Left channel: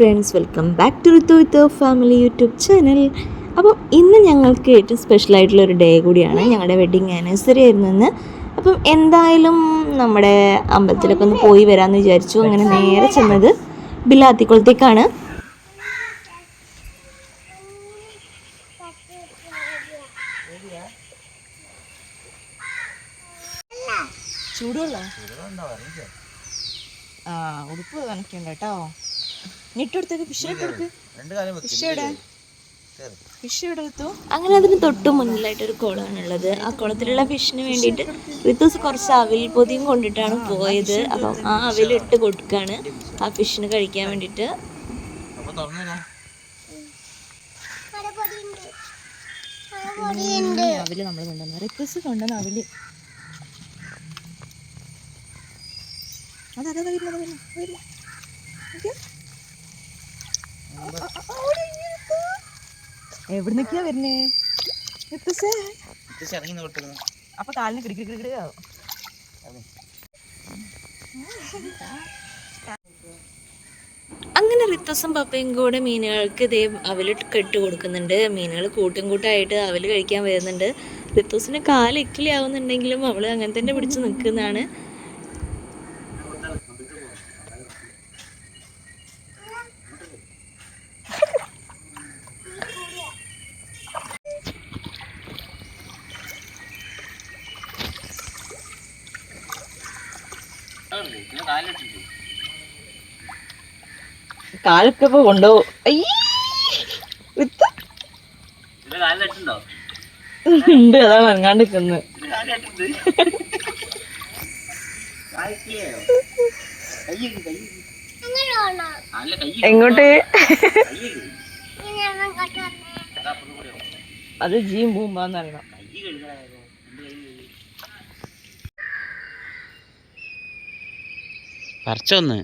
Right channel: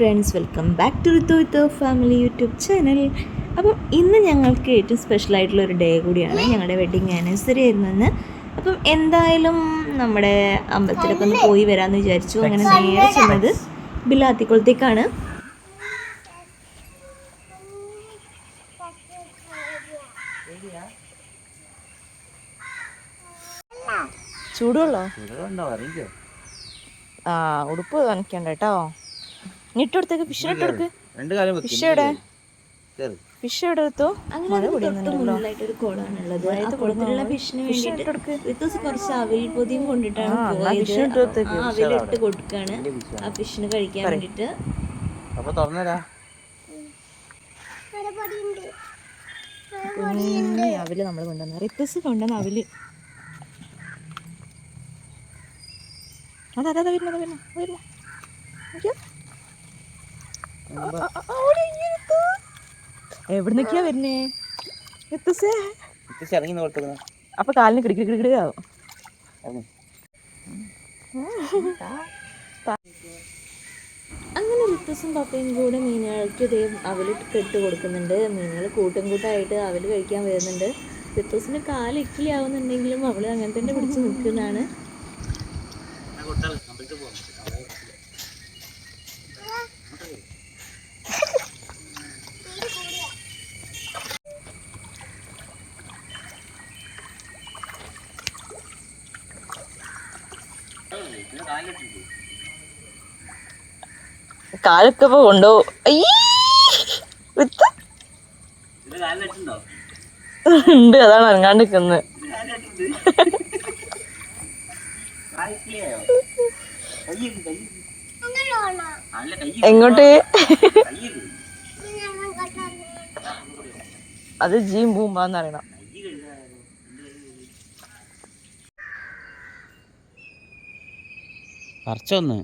Friends, welcome back to Rithu family YouTube channel. അപ്പം ഇന്ന് ഞങ്ങൾക്ക് ഏറ്റവും സ്പെഷ്യലായിട്ടുള്ളൊരു ഡേ കൂടിയാണ്. ഞങ്ങളുടെ വെഡ്ഡിങ് ആനിവേഴ്സറി ആയിരുന്നെന്ന്. അപ്പം എന്തായാലും നമ്മുടെ അമ്പലത്തിലൊക്കെ ഒന്ന് പോയി വരാമെന്ന് വിചാരിച്ചു. അങ്ങനെ നേരെ ചെന്നത് ബിലാത്തിക്കുളത്തേക്കാണ്. ചൂടുള്ളോ? ആ, ഉടുപ്പ് കാണിക്കണ്ട കേട്ടോ. ഇട്ടെടുത്തേക്ക് ഫിഷിനിട്ടെടുക്ക്. ഫിഷ് എവിടെ എടുത്തു? അങ്ങനെ അതിന് തൊട്ട് മുന്നിലായിട്ട് ഒരു കുളമാണുള്ളത്. ആ കുളത്തിലുള്ള ഫിഷിന് വേണ്ടിയിട്ട് റിത്തൂസ് കുറച്ച് അവിൽ പൊതിയും കൊണ്ടിട്ടാണ് പോയത്. അപ്പം ആ അവിലിട്ട് കൊടുക്കാണ് ആ ഫിഷിന് കഴിക്കാൻ വേണ്ടിയിട്ട്. അവില് നമ്മൾ കൊണ്ടുവന്ന റിത്തൂസ് കൊണ്ടുവന്ന അവില് അതാ വരുന്ന എവിടുന്നൊക്കെയാ വരുന്നേ? അപ്പൊ കാലിന് കിടിക്കിടിയാവും. അങ്ങനെ റിത്തസും പപ്പയും കൂടെ മീനുകൾക്ക് ഇതേ അവല് കെട്ട് കൊടുക്കുന്നുണ്ട്. മീനുകൾ കൂട്ടം കൂട്ടമായിട്ട് അവല് കഴിക്കാൻ വരുന്നുണ്ട്. റിത്തസിന് കാല് ഇക്കിളി ആവുന്നുണ്ടെങ്കിലും അവള് അങ്ങനെ തന്നെ പിടിച്ച് നിൽക്കുന്നതാണ്. കാലൊക്കെ കൊണ്ടുപോകും. ഉണ്ട്, അതാണ് അങ്ങാണ്ട് നിൽക്കുന്നത്. എങ്ങോട്ട്? അത് ജീം പൂമ്പാന്നറിയണം. പറിച്ചൊന്ന്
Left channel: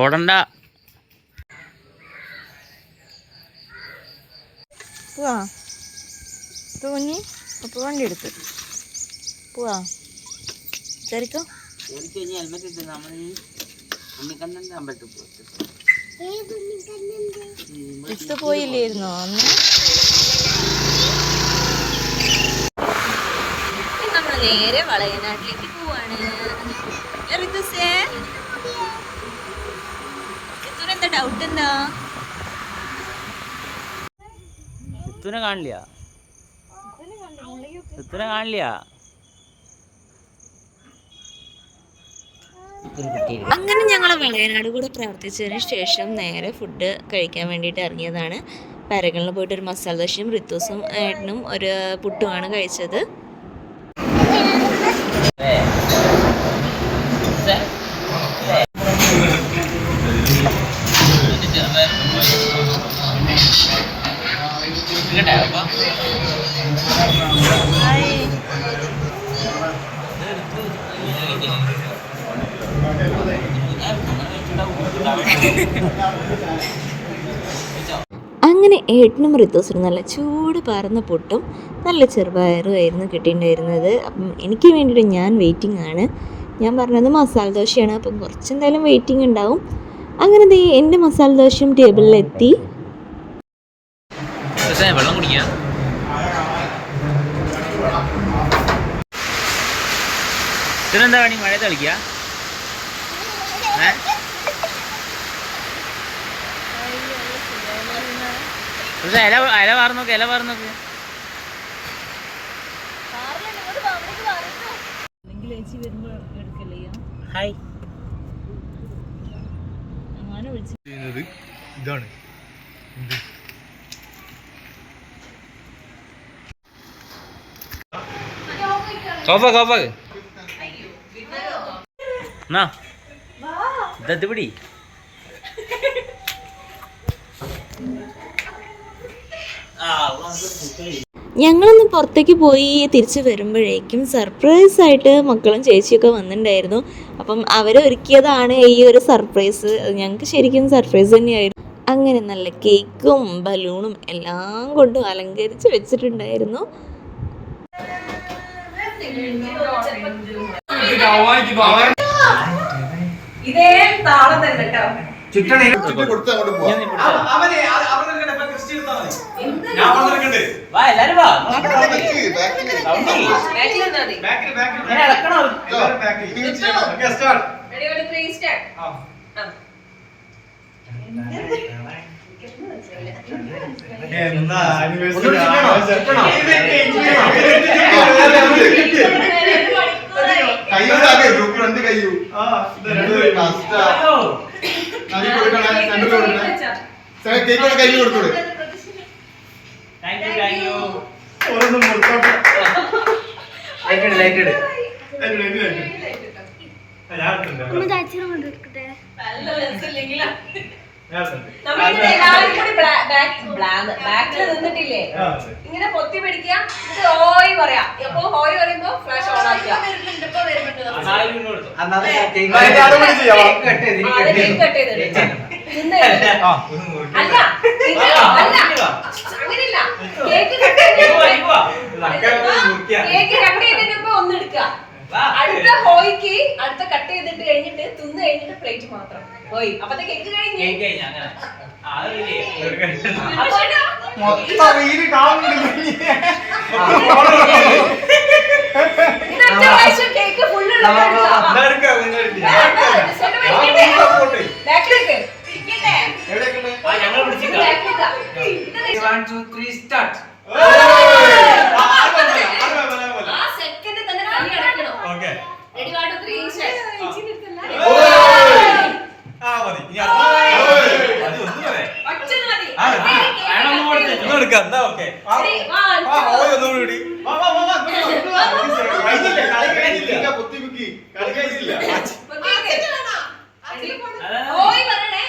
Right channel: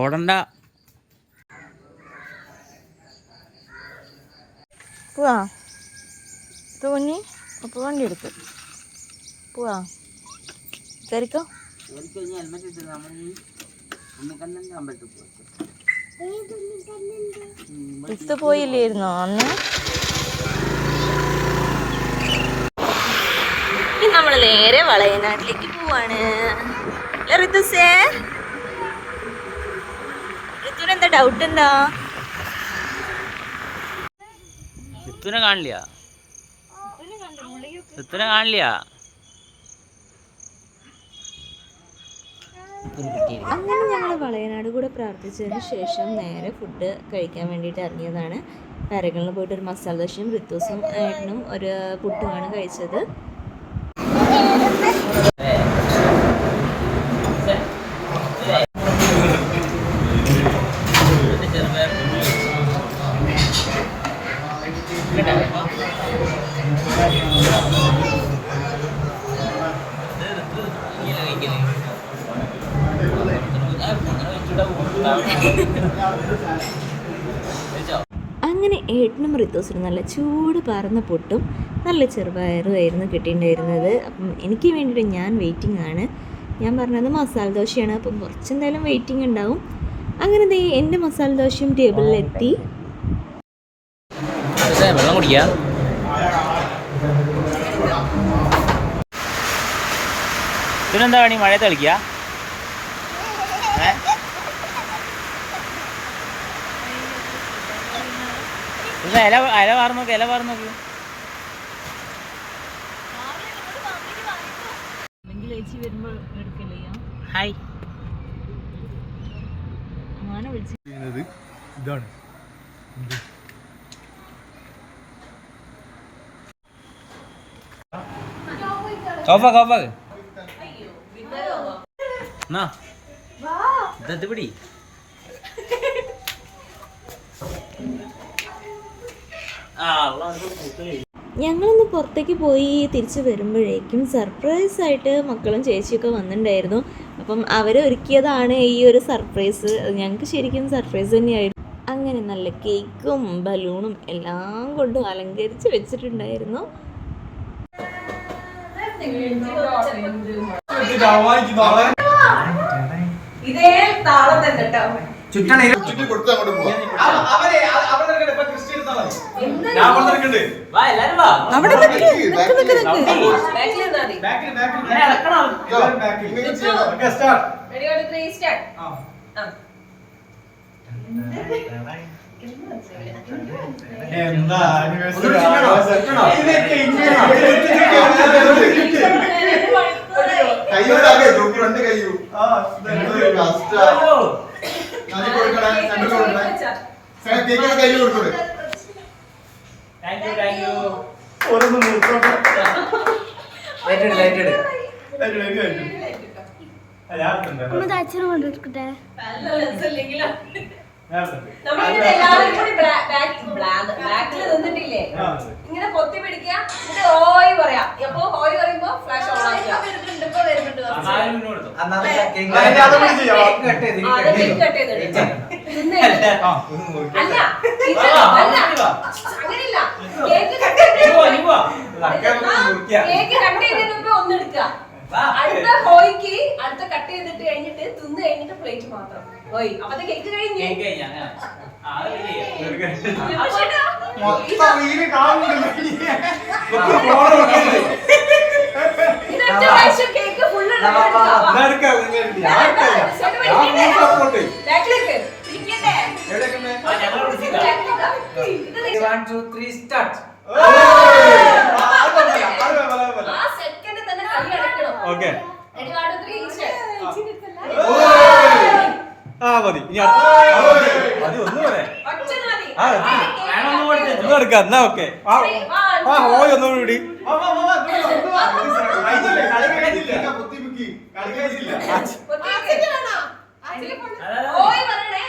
ഓടണ്ട. പോവാ തോന്നി അപ്പൊ വണ്ടി എടുത്ത് പോവാ. ശരിക്കോ ഇത്ത് പോയില്ലായിരുന്നോ അന്ന്? നമ്മൾ നേരെ വളയനാട്ടിലേക്ക് പോവാണ്. ഋതുവിനെന്താ ഡൗട്ട്? എന്താ ഋതുവിനെ കാണില്ല? അങ്ങനെ ഞങ്ങൾ വളയനാട് കൂടെ പ്രാർത്ഥിച്ചതിന് ശേഷം നേരെ ഫുഡ് കഴിക്കാൻ വേണ്ടിയിട്ട് ഇറങ്ങിയതാണ്. പരകളിൽ പോയിട്ട് ഒരു മസാല ദോശയും റിത്തൂസും ഏട്ടനും ഒരു പുട്ടുമാണ് കഴിച്ചത്. അങ്ങനെ ഏട്ടനും റിത്തൂസിനും നല്ല ചൂട് പറന്ന പൊട്ടും നല്ല ചെറുപയറും ആയിരുന്നു കിട്ടിയിട്ടുണ്ടായിരുന്നത്. അപ്പം എനിക്ക് വേണ്ടിയിട്ട് ഞാൻ വെയിറ്റിംഗ് ആണ്. ഞാൻ പറഞ്ഞത് മസാല ദോശയാണ്. അപ്പം കുറച്ചെന്തായാലും വെയിറ്റിംഗ് ഉണ്ടാവും. അങ്ങനെ എൻ്റെ മസാല ദോശയും ടേബിളിലെത്തി. വെള്ളം കുടിക്കുക. ഇതിനെന്താ പണി? മഴ തെളിക്കുക. ഇല വാർന്നോക്ക്. ഹായ്. ഇതാണ് കോപ്പാക്ക് ഇത് പിടി. ഞങ്ങളൊന്ന് പുറത്തേക്ക് പോയി തിരിച്ച് വരുമ്പോഴേക്കും സർപ്രൈസായിട്ട് മക്കളും ചേച്ചിയൊക്കെ വന്നിട്ടുണ്ടായിരുന്നു. അപ്പം അവരൊരുക്കിയതാണ് ഈ ഒരു സർപ്രൈസ്. ഞങ്ങൾക്ക് ശരിക്കും സർപ്രൈസ് തന്നെയായിരുന്നു. അങ്ങനെ നല്ല കേക്കും ബലൂണും എല്ലാം കൊണ്ടും അലങ്കരിച്ച് വെച്ചിട്ടുണ്ടായിരുന്നു. ഇതേ താളം തന്നെ കേട്ടോ. ബാക്കിൽ നിന്നിട്ടില്ലേ ഇങ്ങനെ പൊത്തി പിടിക്കുക, ഹോയ് പറയാ. അപ്പൊ ഹോയ് പറയുമ്പോ ഫ്ലാഷ് ഓൺ ആക്കുക. അങ്ങനെയില്ല, കേക്ക് കട്ട് ചെയ്തതിനൊപ്പം ഒന്നെടുക്കുക. അടുത്ത ഹോയ്ക്ക് അടുത്ത കട്ട് ചെയ്തിട്ട് കഴിഞ്ഞിട്ട് തിന്ന് കഴിഞ്ഞിട്ട് പ്ലേറ്റ് മാത്രം ഹോയ്. അപ്പത്തെ കേക്ക് കഴിഞ്ഞു. കേക്ക് ഫുള്ള് സെക്കൻഡ് തന്നെ കൈ അടക്കണം.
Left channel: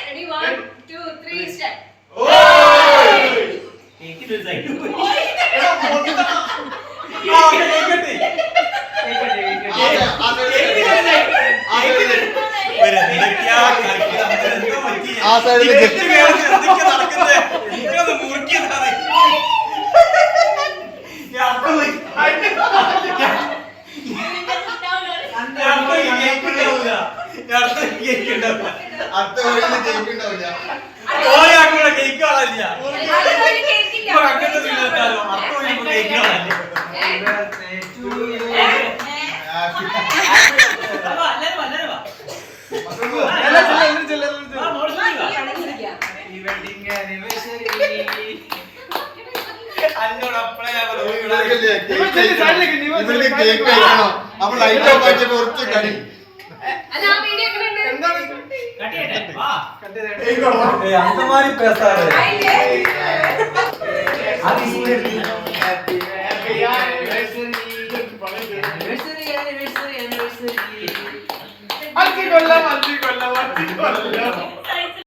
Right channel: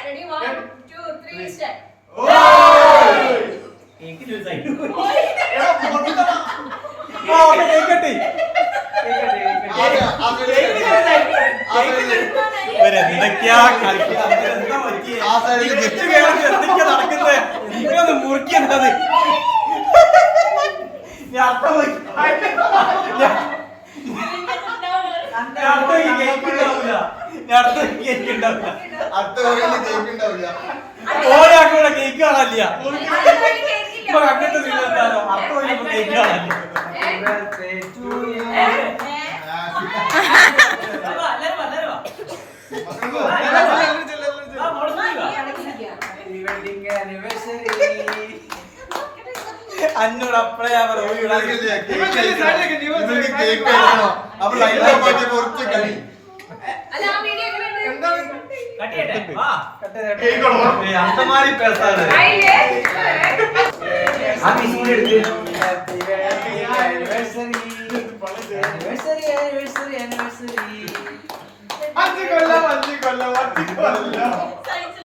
Ready 1 2 3 start. കൊല്ലം